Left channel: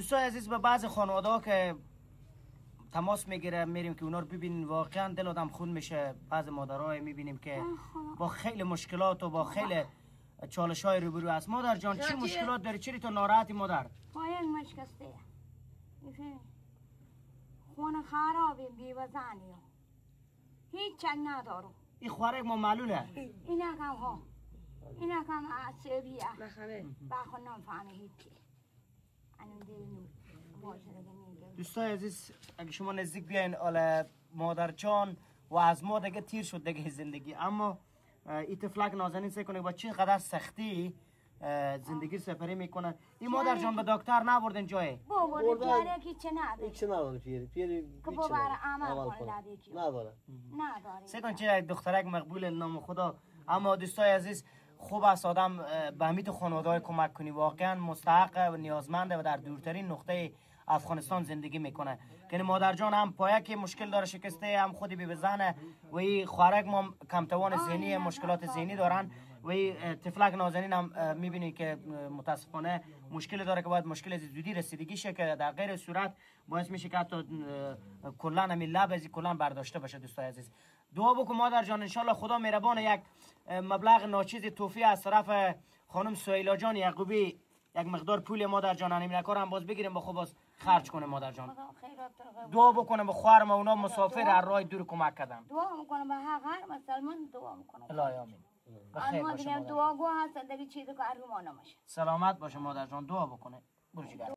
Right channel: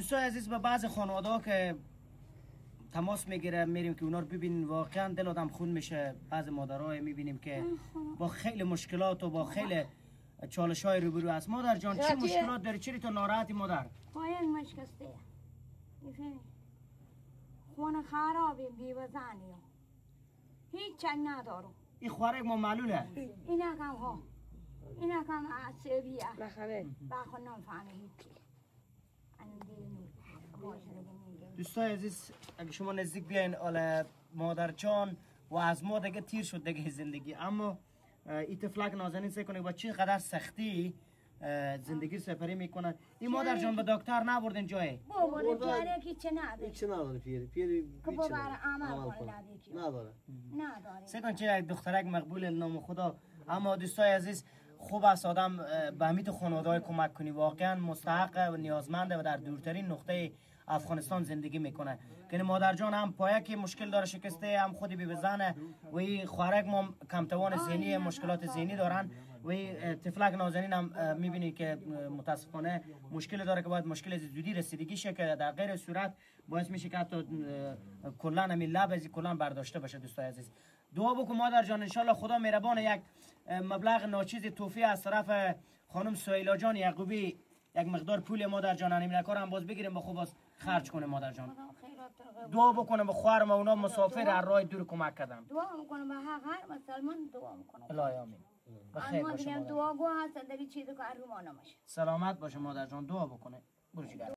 دوستای عزیز به بعض خانواده که تماس میگیره میریم که اونا رو ببینیم، واقعا دل آدم خون میشه. بعض مادرای میبینیم که با خیلی مشکلات و با خیلی چالش های روبرو است. مادر جان چه مشکلات داری؟ چری تو ناراحتی مادر؟ پایان مشکسته میفهمی؟ خونه خرابه بیوزنی هیچ چنگ ندارم. این خوارک ما معلوله. اینا کم ها اینا کم عصبیه بخون نمیفهمه هیچی. انم دیرنو باشه دیگه میگه. دوستای عزیز اگه شما نزدیک بیاین آل مادر جان و از ما دیگه تیر شد دیگه زندگی، اما این طفلک نازنین سه کنه با چه قدر سختی زندگی سپری میکنن. این مادر جان به دکتر نبردن جای؟ بابا پیاره کی چه نداره؟ هیچ نداره پیری که بابا عمل کنه نداره. سه کن چه دخترک مقبول نام خدا. اما دوستای عزیز خوب است آدم به همین خانواده‌های کمک کنی، واقعا مستحق و نیازمنده و در دورترین نقطه افغانستان زندگی میکنه. که مادر جان هم پایه که مشکل داره شکسته، هم خودی بی بزنه و این خوارک ما کمتوان ذهنی مشکلات ذهنی دارن و این طفلک نازنین هم میبینی که متاسفانه مشکل داره که باید مشکل زودی رسیدگی شه که در غیر صورت باعث میشه که حتی کلا همین لب از کلا برداشته بشه. دوستای عزیز دعا بکن مادر جان، انشالله خدا مهربان یک مبلغ ناچیز توفیه از طرف خانم سهیلا جان یعقوبی یک مقدار پول مادر جان همین کار هم باز بگیریم با خوب باز خرج کنه مادر جان. دعا بکنه به خواهرم اونا مسافر هر راه دور کمک کردن. دعا میکنم به هر مسلمان دعا میکنم. الهی آمین. بخیر باشه دعا گو هست دیگه چیزی که ارمان نمیشه. سلامت باشه مادر جان، دعا بکنه. برو جگر.